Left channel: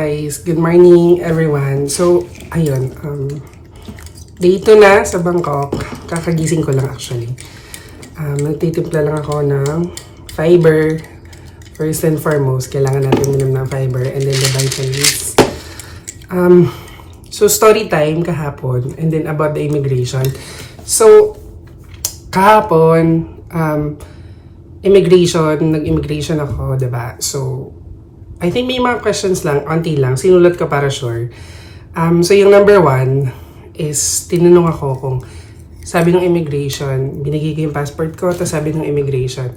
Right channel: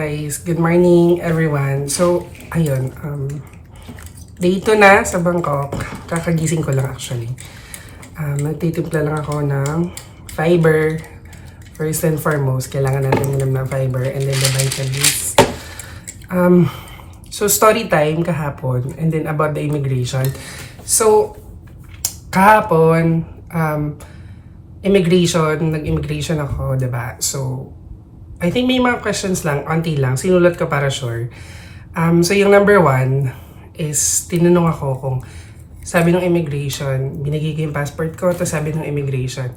Guys, good morning everyone. So, ayun, day 2 na sa Bangkok. Kakagising ko lang actually. Nagtitimpla lang ako ng fiber. First and foremost, kailangan natin minom ng fiber and then the vitamins. So, story time kahapon and then about the immigration. So, kahapon, nag-immigration ako, diba? So, I think may mga questions lang, onti lang, sinulat ko para sure. So yung number 1 is, tinanong ako kung, sabi ng immigration, binigay ko yung passport ko, tapos sabi ng immigration,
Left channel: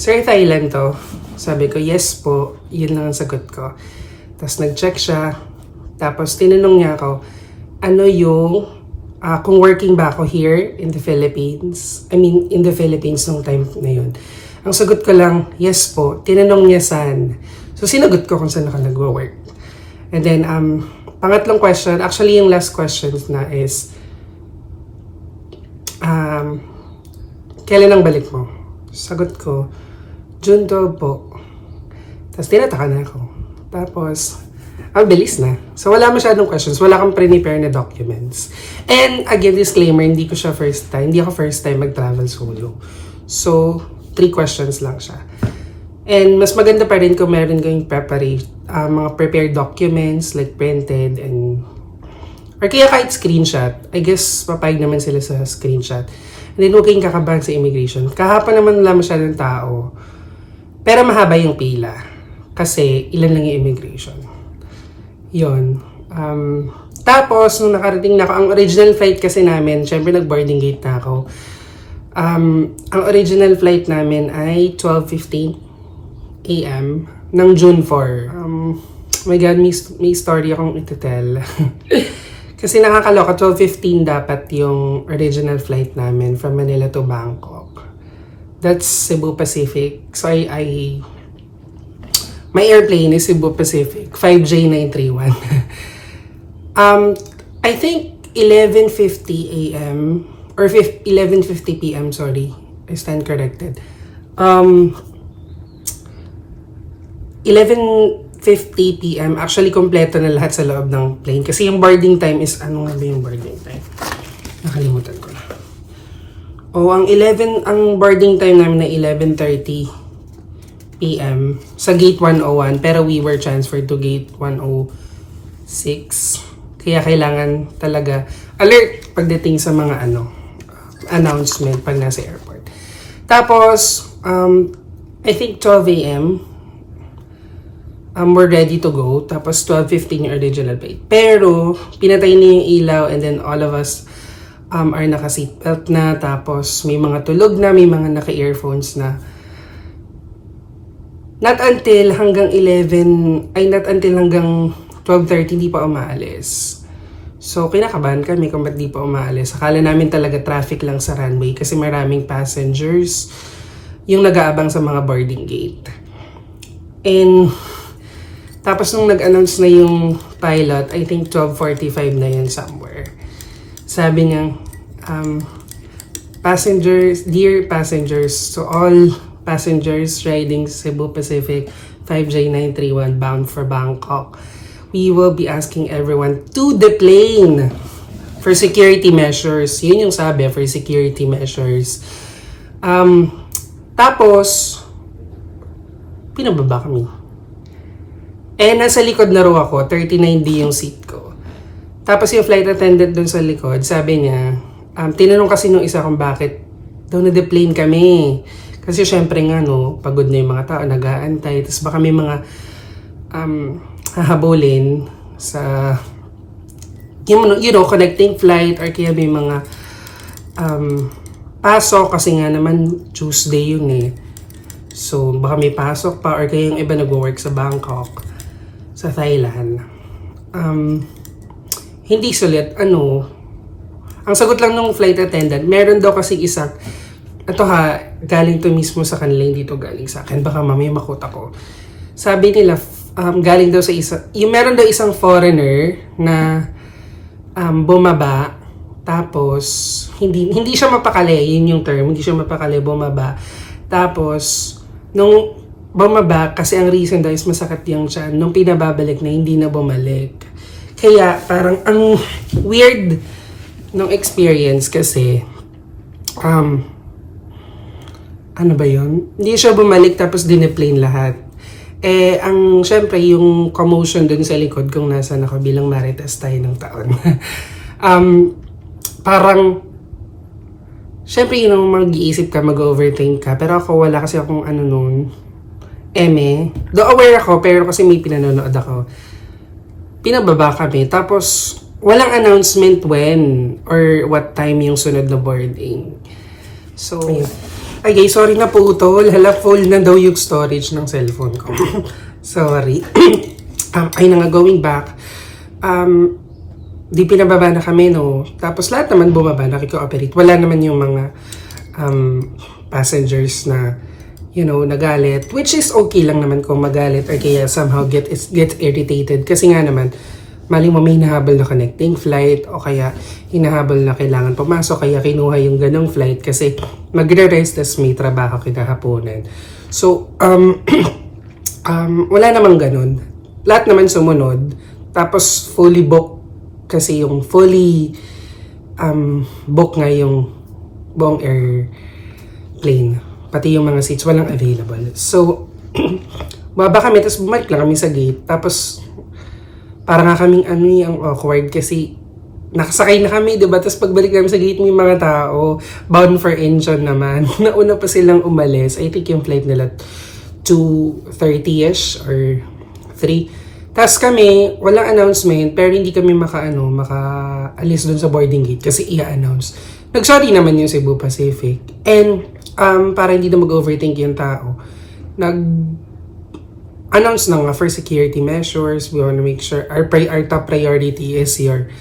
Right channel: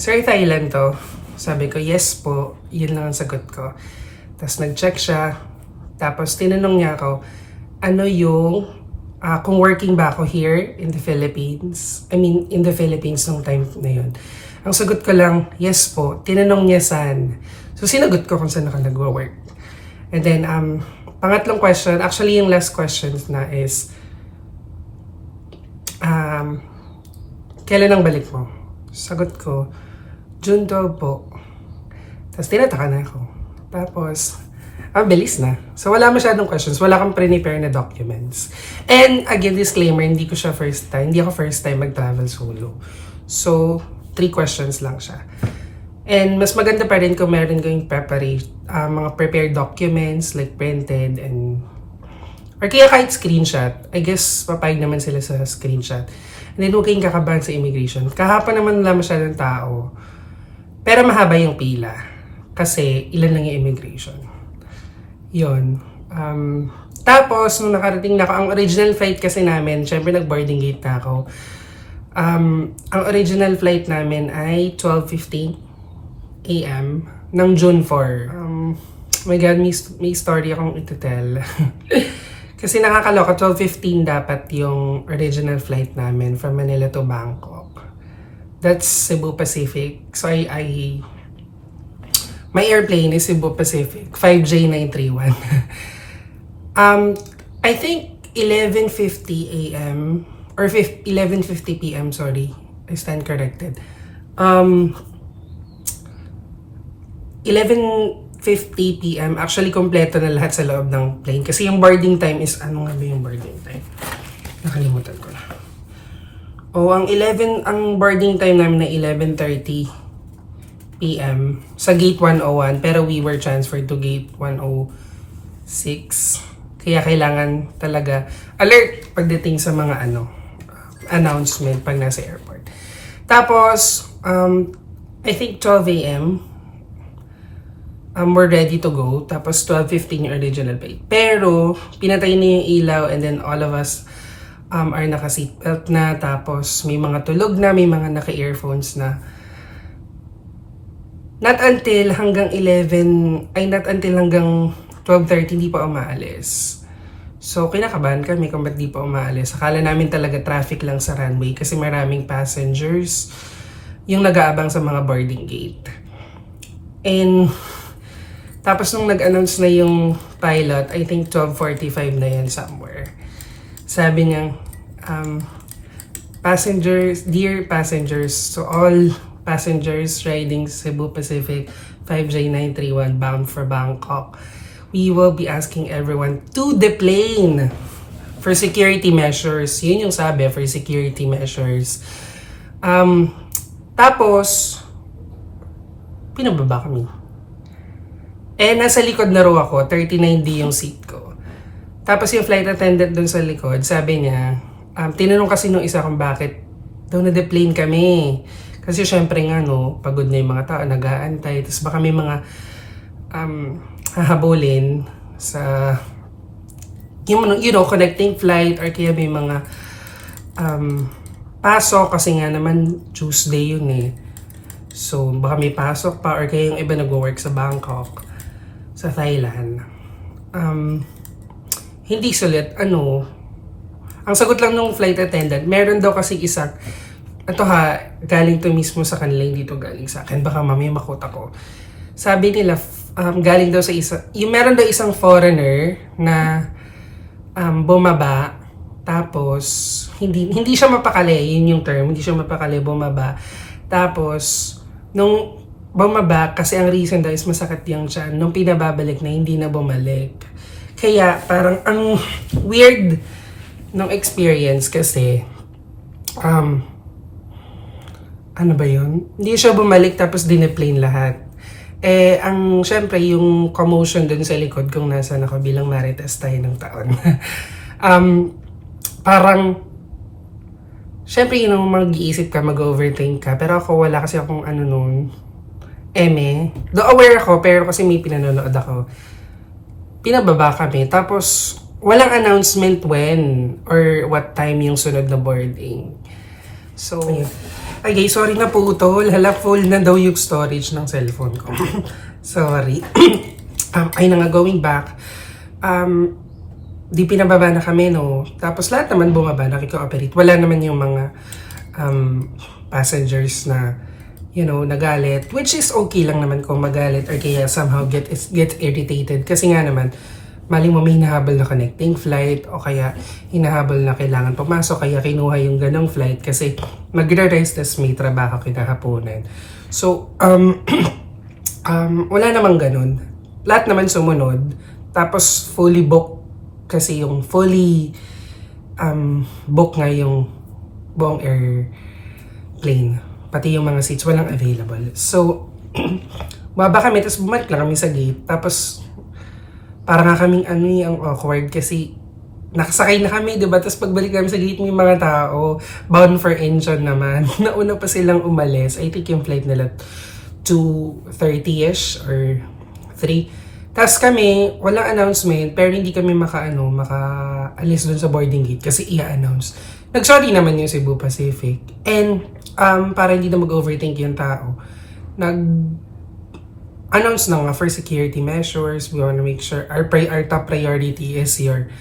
Sir, Thailand to? Sabi ko, yes po, yun lang ang sagot ko. Tapos nag-check siya, tapos tinanong niya ako, ano yung, kung working ba ako here in the Philippines? In the Philippines nung time na yun. Ang sagot ko lang, yes po. Tinanong niya saan. So, sinagot ko kung saan ako nag-work. And then, pangatlong question, actually yung last question na is, kailan ang balik mo? Sagot ko, June 12 po. Tapos, tinataka na ako. Tapos, bilis na. So, wala masyadong questions. Wala kang pre-prepare na documents. And, again, disclaimer, hindi ako first time mag-travel solo. So, 3 questions lang siya. And mas maganda pa rin kung meron kayong mga prepared documents like printed or kaya kahit screenshot. I guess papayag naman sila sa screenshot. And then huwag kayong kakabahan sa immigration. Kahapon naman wala masyadong tao. Pero mahaba yung pila. Kasi ilan lang yung immigration. Yun. Tapos nung nakarating na ako, ang original flight kasi namin, syempre nag-boarding gate na ako. Ang original flight namin ay 12:15 AM ng June 4. My God, may story akong ito-tell. Kasi nakakaloka, 12:15 dapat yung original flight namin from Manila to Bangkok. That's Cebu Pacific. So my airplane is Cebu Pacific, 5J931. I think 11:50 AM or 11:50 PM, sorry. I stand corrected. 11:50 PM, actually kompleto na lahat sa loob ng plane. Kasi yung boarding time is, ano nga ba yung boarding time? Nakalimutan ko na. Ang boarding time namin na 11:30 PM sa gate 101, pero we were transferred to gate 106. Kaya kailangan talaga alert pagdating sa mga announcement pag nasa airport. Tapos, I think 12 AM, we're ready to go. Tapos 12:15 yung original flight. Pero, pinatay na yung ilaw and then all of us are naka-seatbelt na. Tapos, may mga tulog na, may mga naka-earphones na. Not until hanggang 12:30 hindi pa umaalis. So, kinakabahan kami kung ba't di pa umaalis. Akala namin talaga traffic lang sa runway kasi maraming passengers yung nag-aabang sa mga boarding gate. And, tapos nung nag-announce na yung pilot, I think 12:45 na yan somewhere. Sabi niya, dear passengers, so all passengers riding Cebu Pacific 5J931 bound for Bangkok, we will be asking everyone to deplane for security measures. Yun yung sabi, for security measures. Tapos, pinababa kami. Nasa likod na raw ako, 39D yung seat ko. Tapos yung flight attendant dun sa likod, sabi niya, tinanong kasi nung isa kung bakit daw na-deplane kami. Kasi syempre nga, pagod na yung mga tao, nag-aantay. Tapos baka may mga hahabulin sa connecting flight or kaya may mga pasok kasi nga naman Tuesday yun eh. So baka may pasok pa or kaya yung iba nag-work sa Bangkok, sa Thailand. Hindi sulit, ang sagot lang ng flight attendant, meron daw kasi galing to mismo sa kanila, hindi to galing sa akin, baka mamaya makota ko. Sabi nila, galing daw sa meron daw isang foreigner na bumaba, tapos hindi siya mapakali, yun yung term, hindi siya mapakali, bumaba. Tapos nung bumaba kasi ang reason daw is masakit yung tiyan. Nung pinababalik na, hindi na bumalik. Kaya parang ang weird ng experience kasi ano ba yun? Hindi siya bumalik tapos dineplane lahat. Syempre, yung commotion dun sa likod kung nasan ako bilang marites tayo ng taon. Parang, syempre, yun mag-iisip ka, mag-overthink ka. Pero ako, wala kasi akong Though aware ako, pero kasi may pinanonood ako. Pinababa kami. Tapos, walang announcement when or what time yung sunod na boarding. So, ay guys, sorry na po ito. Full na daw yung storage ng cellphone ko. Sorry. Ay na nga, going back. Di pinababa na kami, no? Tapos lahat naman bumaba, nakiko-operate. Wala naman yung mga passengers na, nagalit. Which is okay lang naman kung magalit or kaya somehow get irritated. Kasi nga naman, maling mo may hinahabol na connecting flight o kaya hinahabol na kailangan pumasok kaya kinuha yung ganong flight kasi magre-rest as may trabaho kinahaponan. So, wala namang ganun. Lahat naman sumunod. Tapos fully booked kasi yung fully book nga yung buong airplane. Pati yung mga seats walang available. So, baba kami tapos bumalik lang kami sa gate. Tapos parang nga kaming ang awkward kasi nakasakay na kami, diba? Tapos pagbalik namin sa gate, may mga tao bound for Incheon naman. Nauna pa silang umalis. I think yung flight nila 2:30ish or 3. Tapos kami, walang announcement, pero hindi kami makaalis dun sa boarding gate kasi i-announce. Nag-sorry naman yung Cebu Pacific. And para hindi na mag-overthink yung tao, announce na nga for security measures. We want to make sure our top priority is your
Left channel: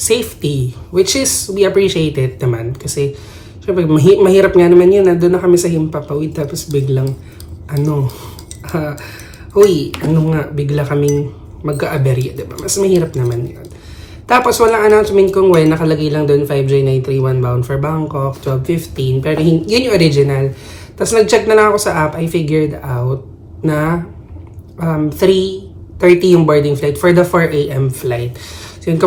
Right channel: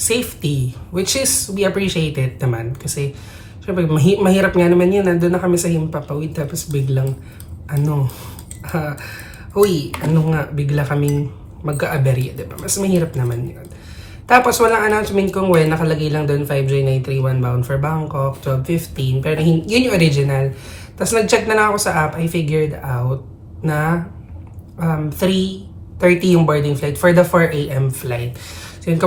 safety, which is we appreciate it naman kasi syempre mahirap nga naman yun. Doon na kami sa Himpapawid tapos biglang bigla kaming magka-aberya, diba? Mas mahirap naman yun. Tapos walang announcement kung when, nakalagay lang doon 5J931 bound for Bangkok, 12:15, pero yun yung original. Tapos nag-check na lang ako sa app, I figured out na 3:30 yung boarding flight for the 4 a.m. flight. So yun,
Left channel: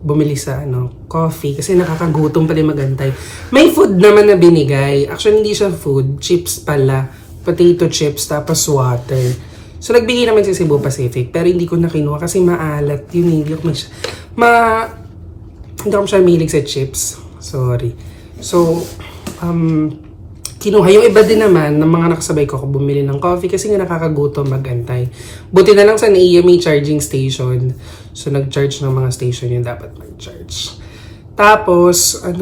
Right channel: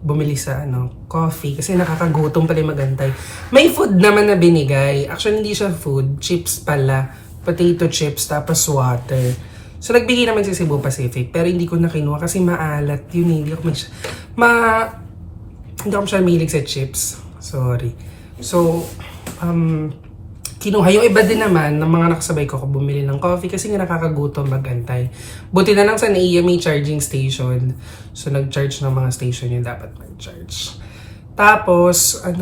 bumili sa coffee kasi nakakagutom pala magantay. May food naman na binigay. Actually, hindi siya food, chips pala. Potato chips, tapos water. So nagbigay naman si Cebu Pacific, pero hindi ko na kinuha kasi maalat yun. Hindi ako masyadong mahilig sa chips. Sorry. So, kinuha. Yung iba din naman ng mga nakasabay ko bumili ng coffee kasi nga nakakagutom magantay. Buti na lang sa NAIA may charging station. So nag-charge ng mga station yung dapat mag-charge. Tapos, 4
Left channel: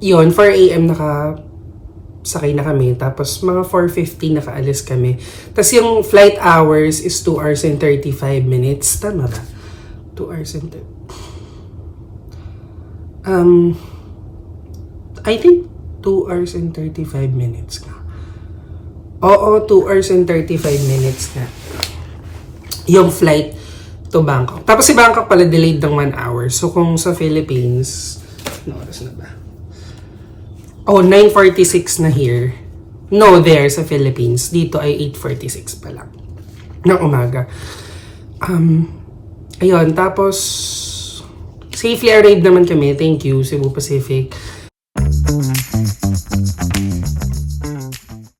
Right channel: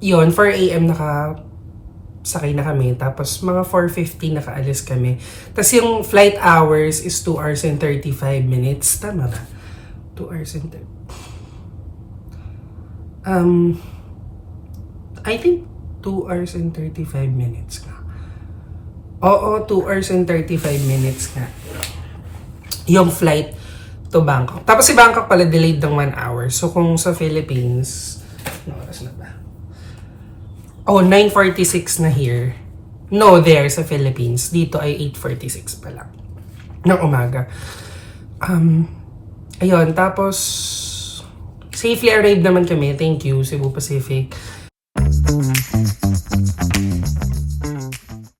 a.m. nakasakay na kami. Tapos mga 4:50 nakaalis kami. Tapos yung flight hours is 2 hours and 35 minutes. Tama ba? 2 hours and 30. I think 2 hours and 35 minutes nga. Oo, 2 hours and 35 minutes nga. Yung flight to Bangkok. Tapos si Bangkok pala delayed ng 1 hour. So kung sa Philippines, ano oras na ba? 9:46 na here. No, there sa Philippines. Dito ay 8:46 pa lang ng umaga. Ayun, tapos safely arrived naman kami. Thank you, Cebu Pacific.